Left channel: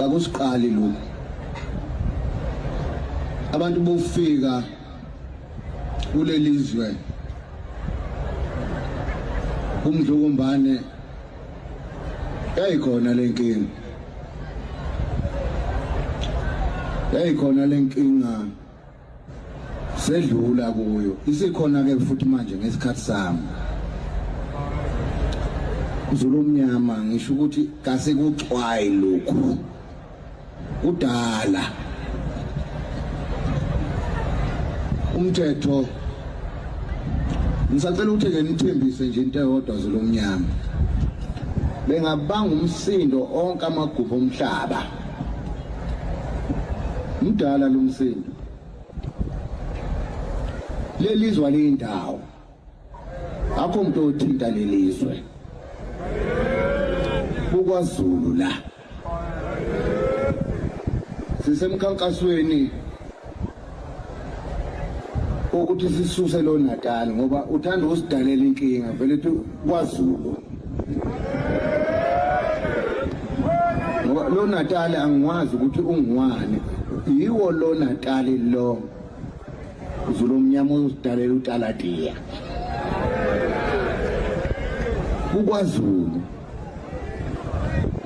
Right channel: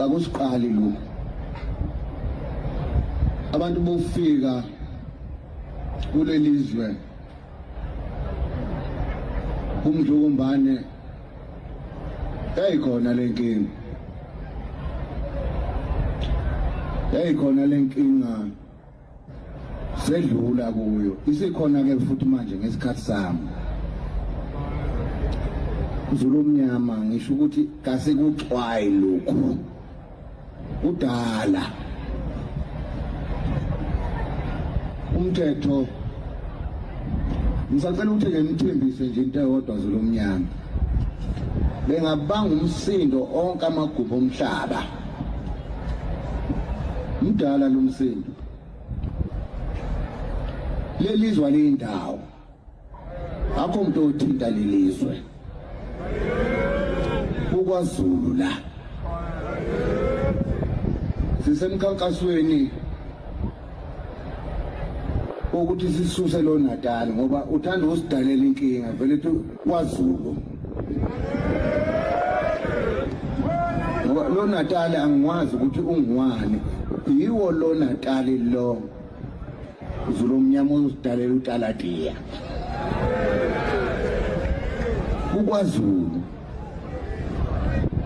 kakusiqali lokho abantu bofika kulelizwe umdlukumbane yayikhona lenkinga sedlula kuyo isikhona ke futhi manje ngesikhathi sami Zulu mnyama ngisho ukuthi kase kuxwayi lokho udala umthetho ngisacela ukuthi ke nithembise nje into eyodwa Zulu mnyama bengabanga umsindo onke amagubu omhlaba mdala lo msindo lelizwe lendawo akho umuntu othinta lelizwe KwaZulu la sisemkhankasweni ukuthi sisuse lo Natal ngoba uthanda usidalela inkinga vele ethi KwaZulu ngoba lo Natal angikwazi ukuthi ungiwane yiwo lo Natal lo Zulu mnyama usidalela uTaladiya KwaZulu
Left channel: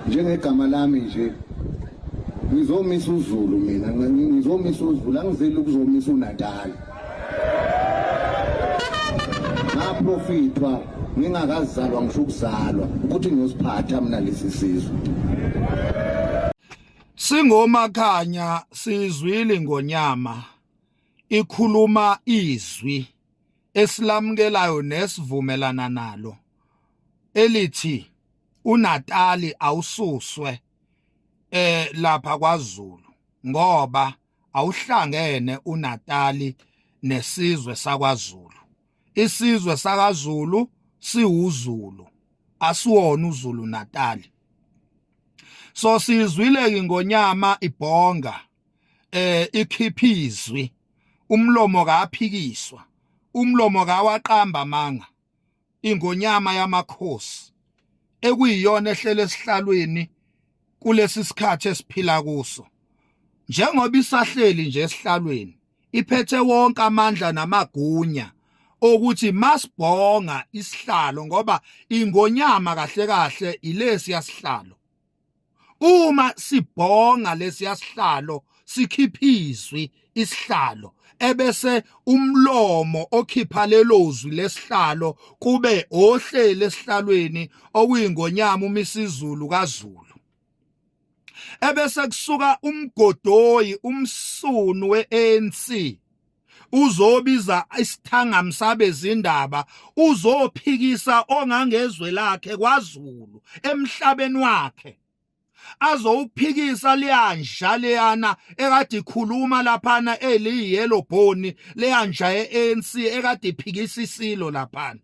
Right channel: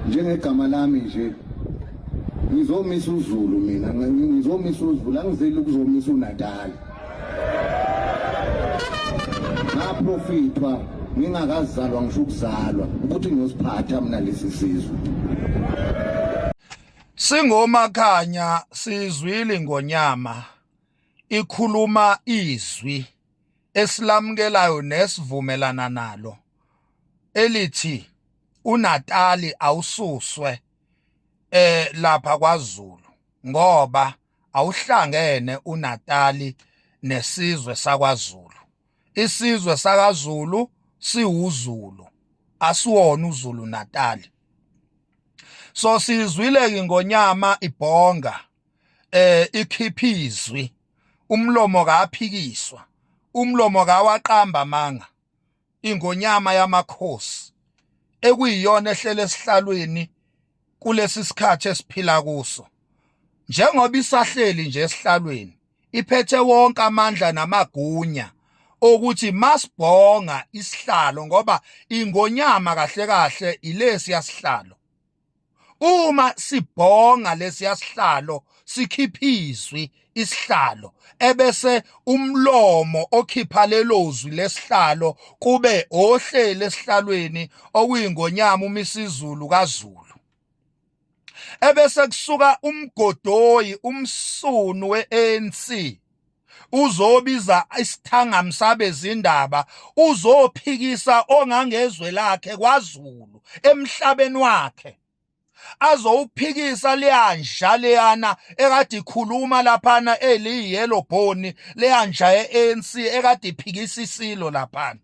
njengegama lami nje ngizomisa uZulu mina ngizomisa uZulu angizeli ukuzomisa uNatal ngaprofitwa ngingakazalwa ngisho ukuzalwa ukuthi ngiyosiphatha mina lesi sizwe Singomakhanya sizwile ngonyama ikhuluma izwi esilamukelayo nesivumelana nalo elithi uNatali awususwe lapha KwaZulu ngoba awuhlangene uNatali nesizwe sakwaZulu isizwe sakaZulu siwuZulu asiwona uZulu Natali so sizwile ke ngonyama ibhonga ikhiphizwi umlomo kaphikiswa umlomo kawaqamba manga ingonyama yamakhosi ekuyiyona ehlele esihlalweni kulesi sikhathi esiphila kuso njengoba isahleli nje esihlalweni iphethe wonke amandla namagunya ukuthi masibhonga isihlalo ngoba ingonyama kahle kahle ilesi yasihlalo uma sibhonga lesi yasihlalo sikhiphizwi isihlalo ebese umlomo okhipha lelozwi lesihlalo kube ohlele esihlalweni okuyingonyama umisizulu kaZulu ebese kusuka umgodoyi umsunu weANC uzobiza isithangami sabezindaba uzophikisa ongangezwe lakhe KwaZulu emhlabeni wakhe azowuphikisa leyanja leyana ekade ikhuluma laphana eliyellow bone leyanja yeANC ekade iphikisa isilo laphana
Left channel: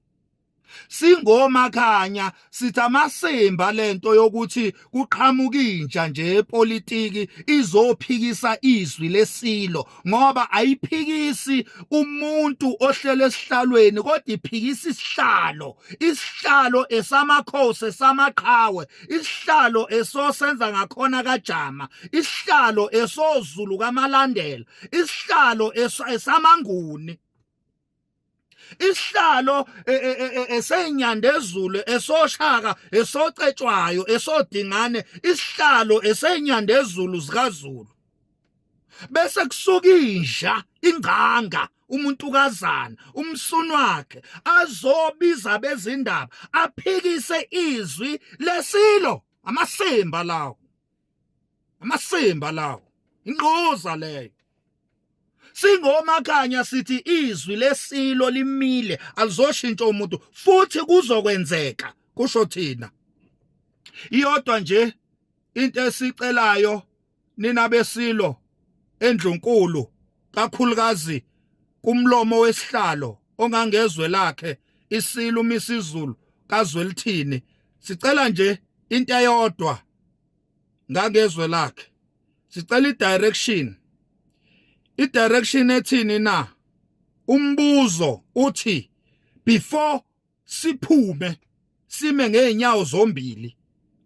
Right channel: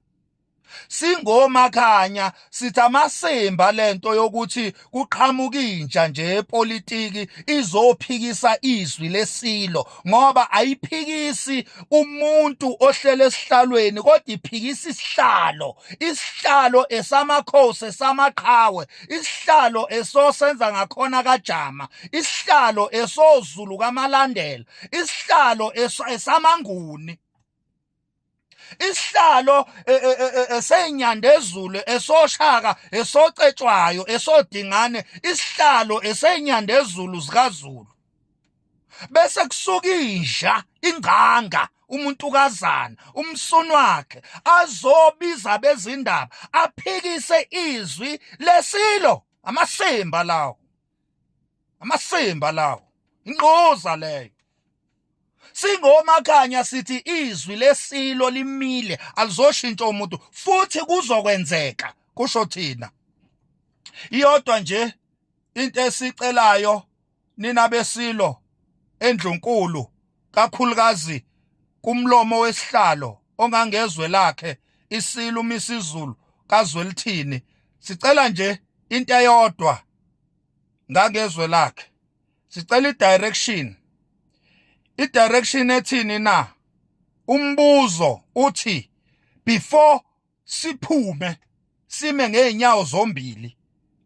singomakhanya sithi amasemba lento yokuthi kuqhamuka intsha nje epolitiki izophikisa izwi lesilo ngoba ayiphikisi umuntu ohlele esihlalweni kodwa iphikisa isihlalo esamakhosi esamaqhawe isihlalo esosenza ngakhona kaJama isihlalo esozulu kamalandela isihlalo esamanguni isihlalo esenyandezulu esoshaka esocetshwayo esodingane isihlalo esenyandezulu zikaZulu bese kusuka inja inganga umuntukazana umsunu wakhe azobiza bezindaba aphikise izwi lesilo amasemba lawo inqoza leyo singomakhanya sithi izwi lesilo limile alizoshintsha umuntu futhi kuzokwenzeka kusho thina iyodwa nje into esicelayo nina besilo endlunkulu kakhulukazi kumlomo wesihlalo ongangezwe lakhe isilo umisizulu kaZwelithini sicela nje into eyodwa ngangezwe lakhe sicela i-direction ethini na umbuzo uthi before siphume sime ngeenyawo zombili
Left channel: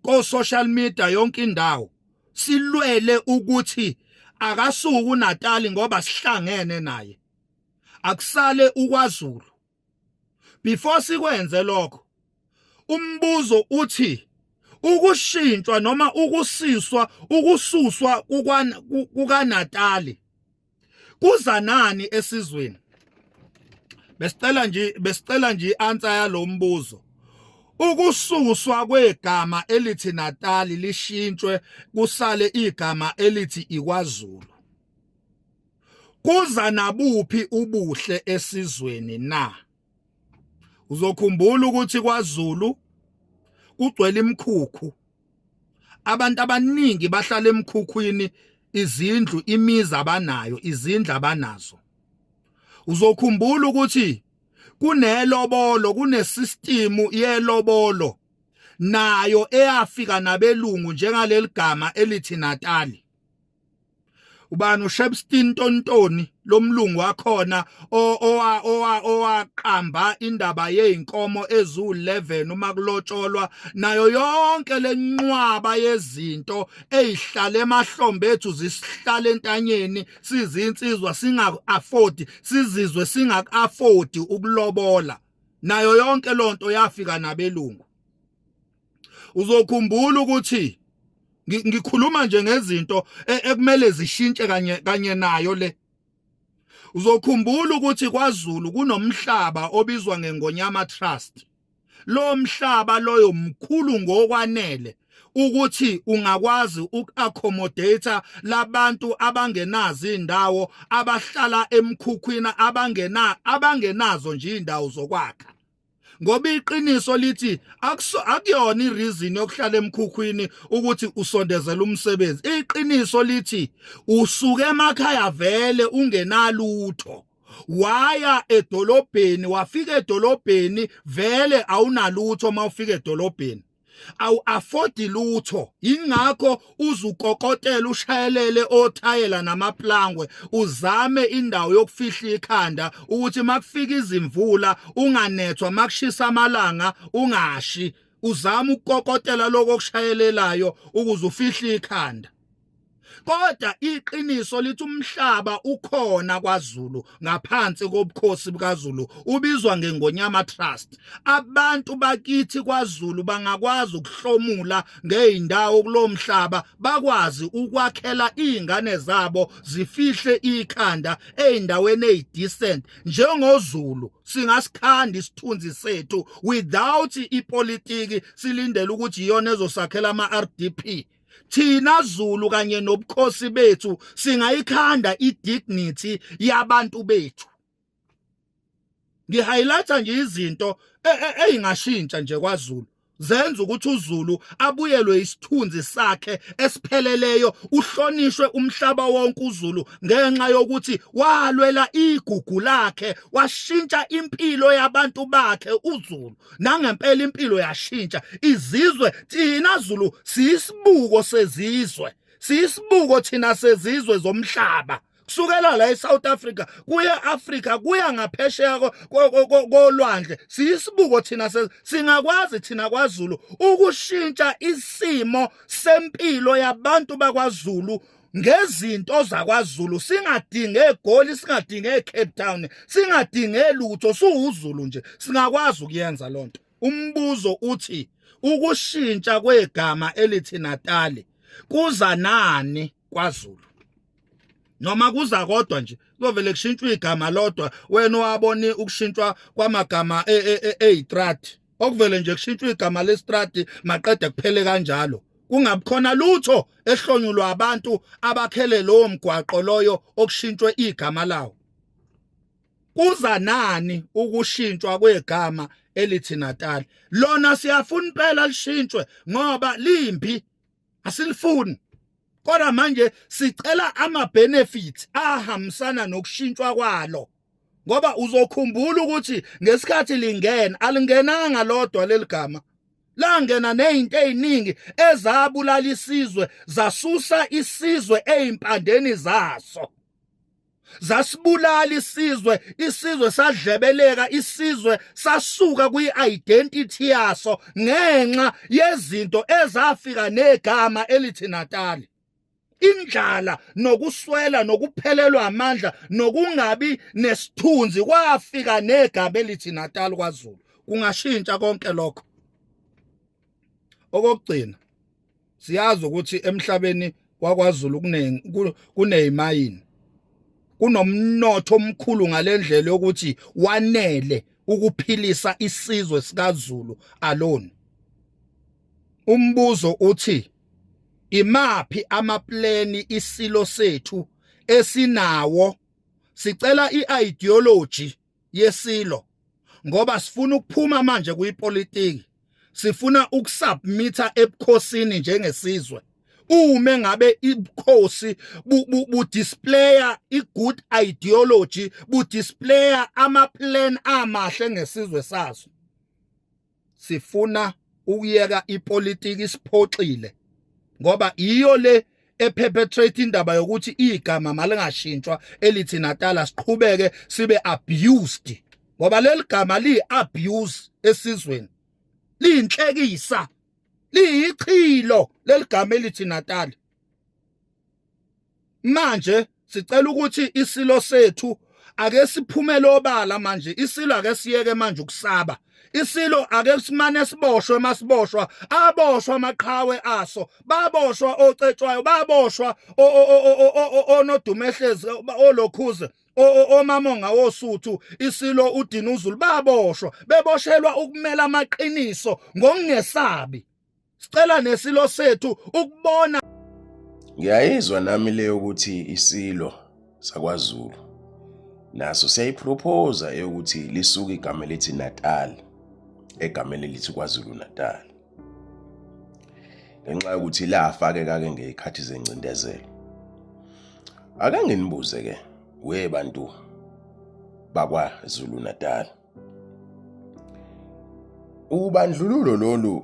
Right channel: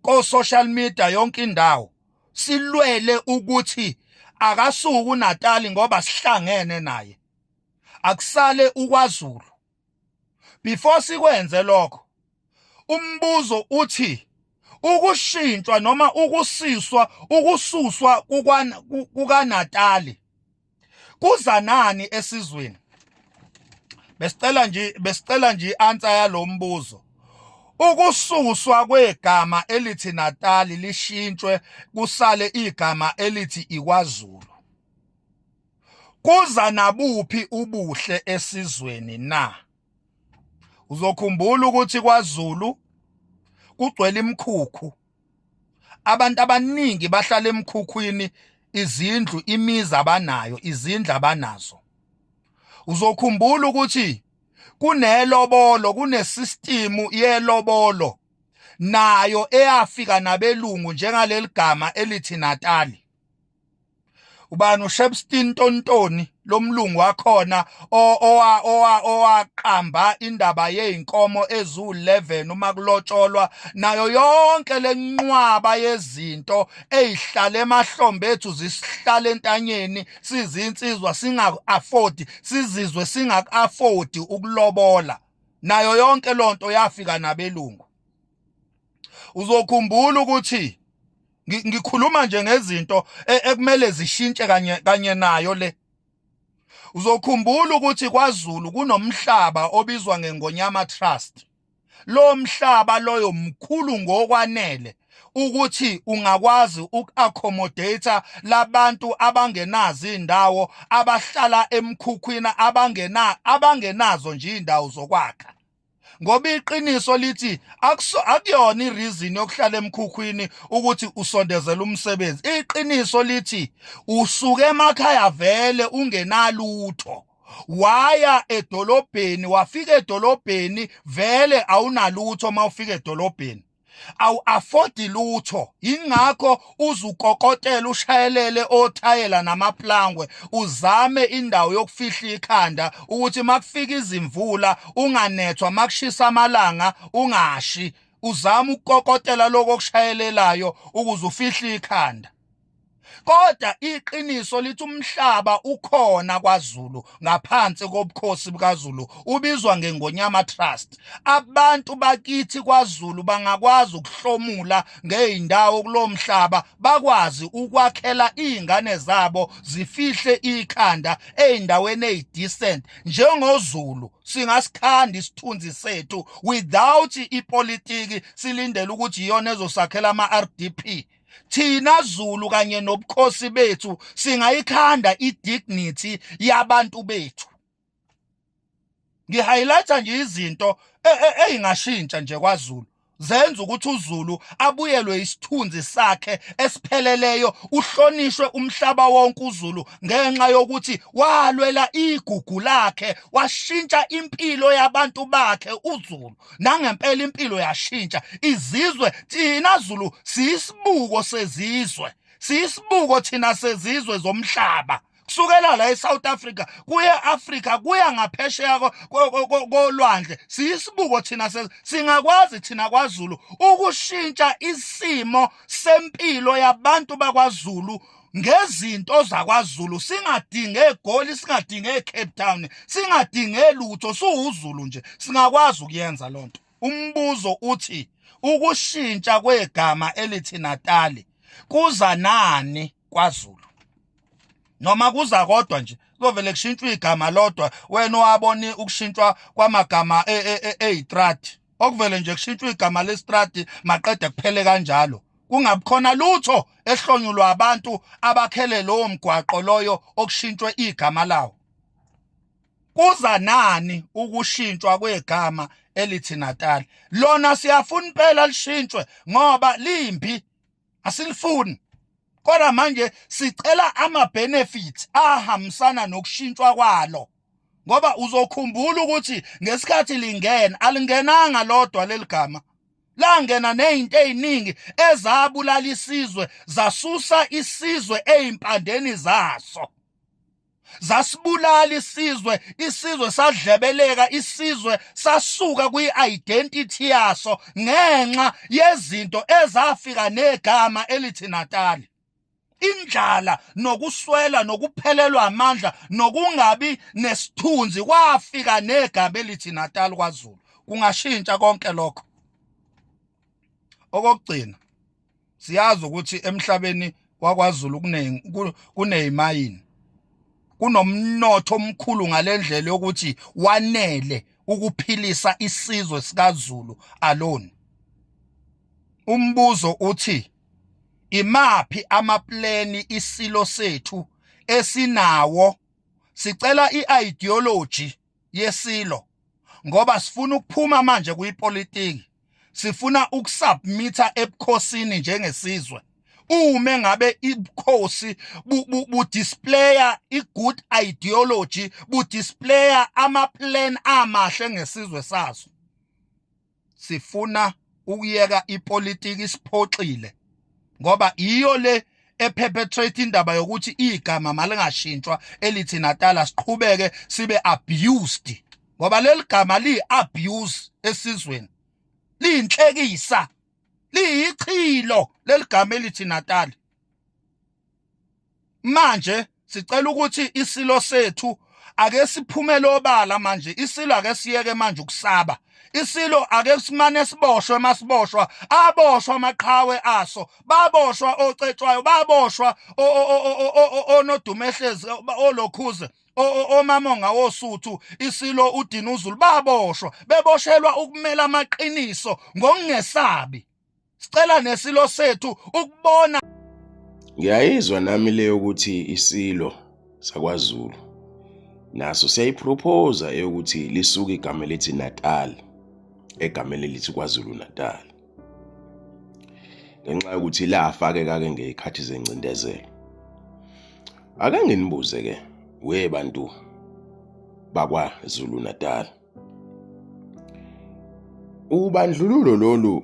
ko social media yonke indawo silwele ukuthi akasuki uNatali ngoba sihlangene naye, akusale uKwaZulu. Before sikwenze lokho, umbuzo uthi ukushintshwa noma ukususwa kukaNatali kuza nani esizweni? Besicela nje i-answer yalo mbuzo. Ukususwa kwegama elithi Natali lishintshwe kusale igama elithi iKwaZulu. Kuza nabuphi ubuhle esizweni na? Uzokhumbula ukuthi KwaZulu kugcwele imkhukhu. Abantu abaningi bahlala emkhukhwini, izindlu, imizi abanayo, izindlu abanazo. Uzokhumbula ukuthi kunelobolo, kunesystem yelobolo nayo eyafika nabelungu njengaleli gama elithi Natali. Ubani uShepstone Tontoni lomlungu wakhona owaqamba indaba yeinkomo ezu11 uma kulotsholwa nayo yonke lenqwaba yezinto ezihlala emahlombe ethu zisihlala entanyeni sizinsizwa singa-afford, sizizwe singa-afford ukulobola, nayo yonke lonto yafika nabelungu. Uzokhumbula ukuthi ngikhuluma nje ngezinto ekumele zishintshe kanye nayo le. Uzokhumbula ukuthi KwaZulu kunomhlaba obizwa ngeNgonyama Trust. Lo mhlaba loyo mkhulu ngokwanele ukuthi ungakwazi uku-accommodate labantu abangenazo indawo, abahlala emkhukhwini, abangenazo nje indawo zokwakha. Ngoba iqiniso lithi akuyona ireason yokuhlala emkhukhwini ukuthi usondezele umsebenzi. Iqiniso lithi usuke emakhaya vele ungenalutho, waya edolobheni, wafika edolobheni vele awunalutho. Mawufika edolobheni awu-afford lutho, ingakho uzukokotela, ushayelele othayela namaplangwe, uzame indawo yokufihla ikhanda ukuthi makufika izimvula unganethwa, makushisa amalanga ungashi. Uzama ukukokotela lokho okushayelelayo ukuze ufihla ikhanda. Kodwa iqiniso lithi umhlaba ukhona KwaZulu ngaphansi kobukhosi bukaZulu, ubizwa ngeNgonyama Trust. Abantu bakithi KwaZulu bangakwazi ukuhlomula ngeindawo kulo mhlaba, bakwazi ukwakhela izingane zabo zifihle ikhanda eindaweni ezidecent. NjengoZulu singasikhanda isithunzi sethu without ipolitiki silindele ukuthi iyona ezosakhela ama-RDP. Thina Zulu kanye nobukhosi bethu singayikhanda idignity yabantu bethu. Ngihighlighta nje izinto eyingashintsha nje KwaZulu zenza ukuthi uZulu abuyelwe isithunzi sakhe esipheleleyo, uhlonishwe umhlaba wonke uZulu ngenxa yokuthi walwela igugu lakhe, washintsha impilo yabantu bakhe uZulu. Nangempela impilo yashintsha. Izizwe, thina Zulu siyisibuko sezizwe, siyisibuko thina sezizwe zomhlaba. Kusukela la eSouth Africa kuya Africa kuya ngaphesheya kolwandle, siyisibuko thina singakwazi thina KwaZulu ukushintsha isimo sempilo yabantu bakwaZulu ngezinto zakwaZulu. Singadinge eGoli, singadinge eCape Town, singadinge lutho, siwuZulu nje singakwazi ukuyenza lonto. Umbuzo uthi ukushintsha kwegama elithi Natali kuza nani KwaZulu? Noma kuza kodwa nje kuzovele kushintshwe igama lodwa, wena wabona ukushintshwa kwamagama eyitrati, okuvele nje kushintshwe igama lestrati maqede kuphele kanjalo, kungabikhona lutho ehlonyulwa abantu abakhele lowo mgwaqo loyo okushintshwe igama lawo. Kuza nani ukushintshwa kwegama elithi Natali? Lona siyafuna impela lishintshwe ngoba limbi, asilifuni. Kodwa manje sicela ama-benefits ahambisana nokushintshwa kwalo, ngoba uzokhumbula ukuthi ngesikhathi lingena alingenanga lodwa leli gama, langena nezinto eziningi ezabulala isizwe, zasusa isizwe ezimpandeni zaso, zasibulala isizwe sadlebeleka, isizwe sasuka kwi-identity yaso ngenxa yezinto ezafika negama elithi Natali. indlala nokuswela nokuphelelwa amandla nokungabi nesithunzi kwafika negama elithi Natal kwaZulu. Kungashintsha konke lokho. Okugcina siyazi ukuthi emhlabeni wakwaZulu kunezimayini, kunomnotho omkhulu ngalendlela yokuthi wanele ukuphilisa isizwe sikaZulu alone. Umbuzo uthi imaphi amaplani isilo sethu esinawo? Sicela i-ideology yesilo ngoba sifuna ukuphuma manje kuyipolitiki, sifuna ukusubmitha ebukhosini njengesizwe. Uma ngabe ibukhosi budisplaya i-good ideology, budisplaya amaplan amahle ngesizwe sazo, sifuna ukuyeka ipolitiki isiphoxile ngoba iyo le eperpetrate indaba yokuthi igama malingashintshwa elithi Natal siqhubeke sibe abused ngoba leli gama li-abuse esizweni, liyinhlekisa, liyichilo leli gama elithi Natal. Manje sicela ukuthi isilo sethu ake siphumele obala manje, isilo ake siyeke manje ukusaba. Isilo ake simane siboshwe, masiboshwa aboshwa amaqhawe aso, baboshwa ocetshwayo, baboshwa onodumehlezi, olokhuze, omamonga wosuthu, isilo uDinuzulu baboshwa, beboshelwa ukumela amaqiniso ngokungesabi. Sicela nesilo sethu ukubona. Ngiyayizwa nami leyo ukuthi isilo sakwaZulu naso siyayipropose ukuthi lisuke igama elithi Natal egameni elithi KwaZulu Natal, ngenxa yokuthi lafake-ke ngezikhathi zencindezelo. Ake nginibuze-ke we bantu bakwaZulu Natal, ubandlululo lolu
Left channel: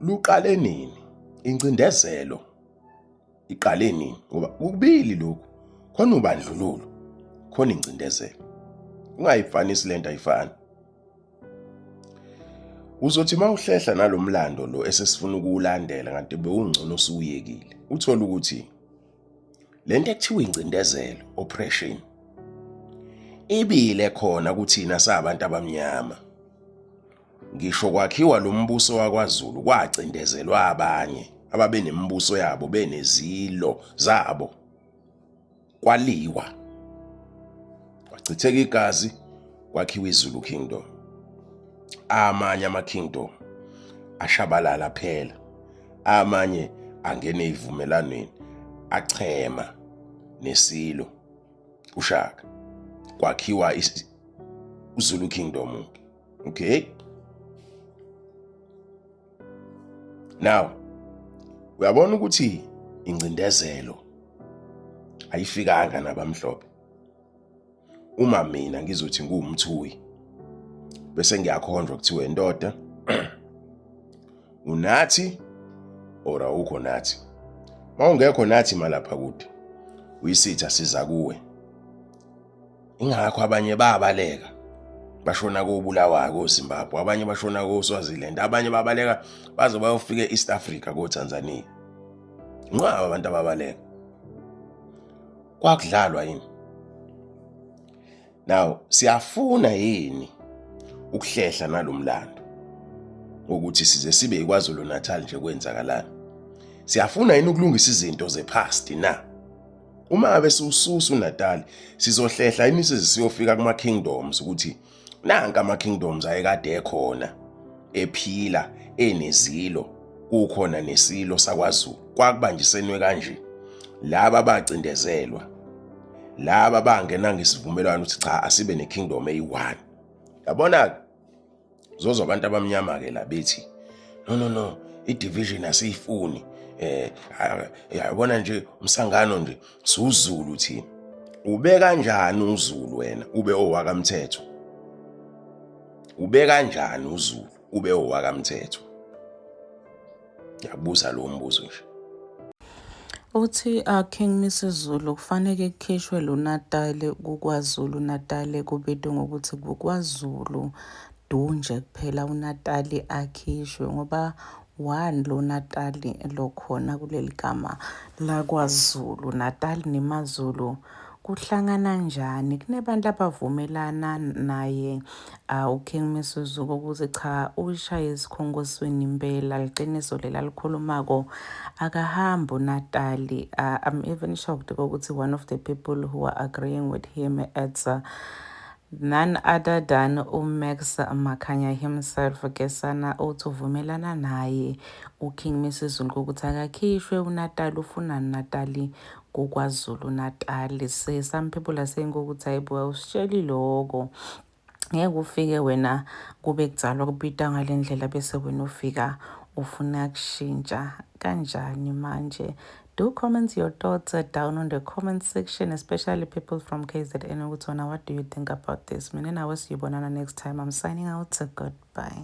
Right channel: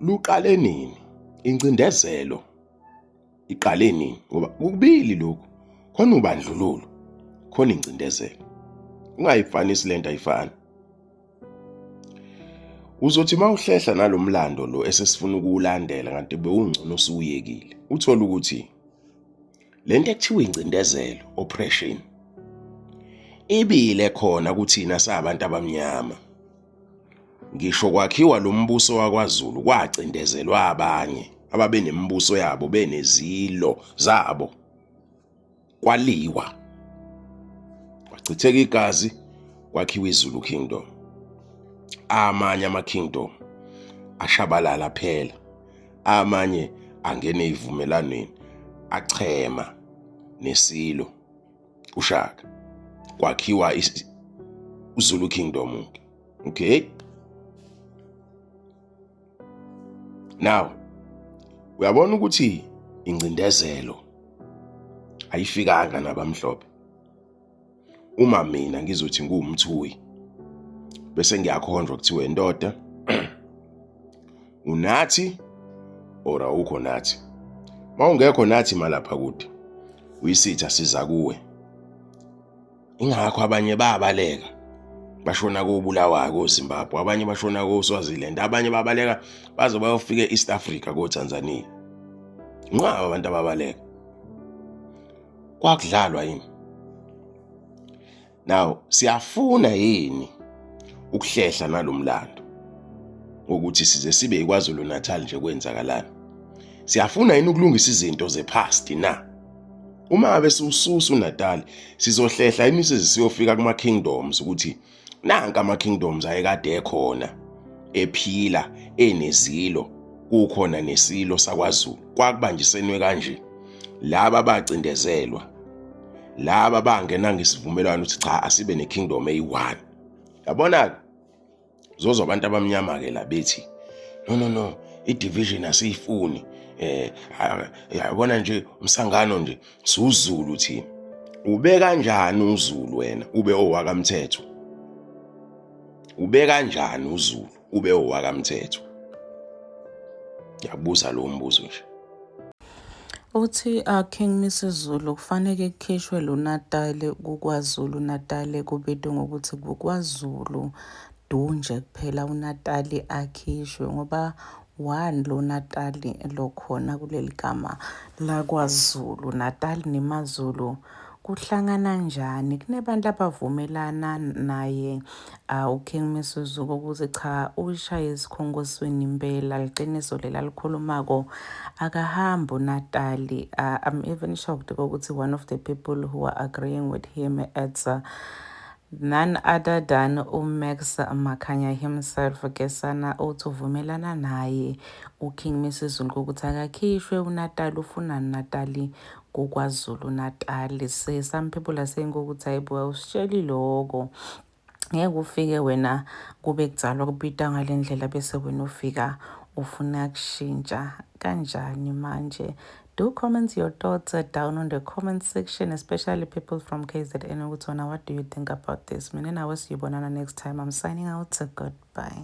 luqale nini? Incindezelo iqale nini? Ngoba ukubili lokhu, khona ubandlululo, khona incindezelo, ungayifanisi lento ayifani. Uzothi mawuhlehla nalomlando lo esesifuna ukuwulandela kanti bewungcono usuyekile, uthola ukuthi lento ekuthiwa incindezelo, oppression, ibile khona kuthina sabantu abamnyama. Ngisho kwakhiwa lo mbuso wakwaZulu kwacindezelwa abanye ababenembuso yabo, benezilo zabo, kwaliwa, kwachitheka igazi, kwakhiwa iZulu Kingdom. Amanye ama-kingdom ashabalala phela, amanye angene ezivumelanweni, achema nesilo uShaka, kwakhiwa iZulu Kingdom. Okay, now uyabona ukuthi incindezelo ayifikanga nabamhlophe. Uma mina ngizothi ngumthuyi bese ngiyakhonjwa kuthiwa indoda unathi or awukho nathi, mawungekho nathi malapha kude uyisitha siza kuwe. Ingakho abanye babaleka bashona koBulawayo, koZimbabwe, abanye bashona koSwaziland, abanye babaleka baze bayofika eAst Africa, koTanzania. Nqaba abantu ababaleka, kwakudlalwa yini? Now siyafuna yini ukuhlehla nalomlando ukuthi size sibe iKwaZulu Natal nje kwenzakalana? Siyafuna yini ukulungisa izinto zepast na? Uma ngabe siwususa uNatal sizohlehla yini size siyofika kuma kingdoms ukuthi nanka ama kingdoms ayekade ekhona, ephila, enezilo, kukhona nesilo sakwaZulu, kwakubanjisenwe kanje. Laba bacindezelwa, laba bangena ngesivumelwano ukuthi cha asibe nekingdom eyi1. Yabona zozo abantu abamnyama ke la bethi no i-division asiyifuni, yabona nje umsangano nje siwuZulu thina. Ube kanjani uZulu wena ube owakamthetho? Ube kanjani uZulu ube owakamthetho? Yabuza lo mbuzo nje. Uthi King Mrs Zulu kufanele kukhishwe lo Natal kuKwaZulu Natal kubedwe ngokuthi kuKwaZulu dunje kuphela uNatal akhishwe, ngoba one lo Natali lokhona kuleli gama lakwaZulu. Natal nemaZulu kuhlangana njani? Kunebantu abavumelana naye uKing Misuzuko ukuthi cha, ushaya esikhongosweni impela, liqiniso lela likhulumako akahambi uNatali. I'm even shocked ukuthi one of the people who are agreeing with him it's none other than Max Makhanya himself. Kesana uthi uvumelana naye uKing Misuzuko ukuthi akakhishwe uNatali, ufuna Natali kuKwaZulu Natal. Some people are saying ukuthi hayibo usitsheli lokho, ngeke ufike wena kube kudzalwa kubita ngalendlela bese wena ufika ufuna kushintsha kanjani manje. Do comment your thoughts down on the comment section, especially people from KZN. What do you think about this? Mina nawe siyibonana next time. I'm signing out. Goodbye.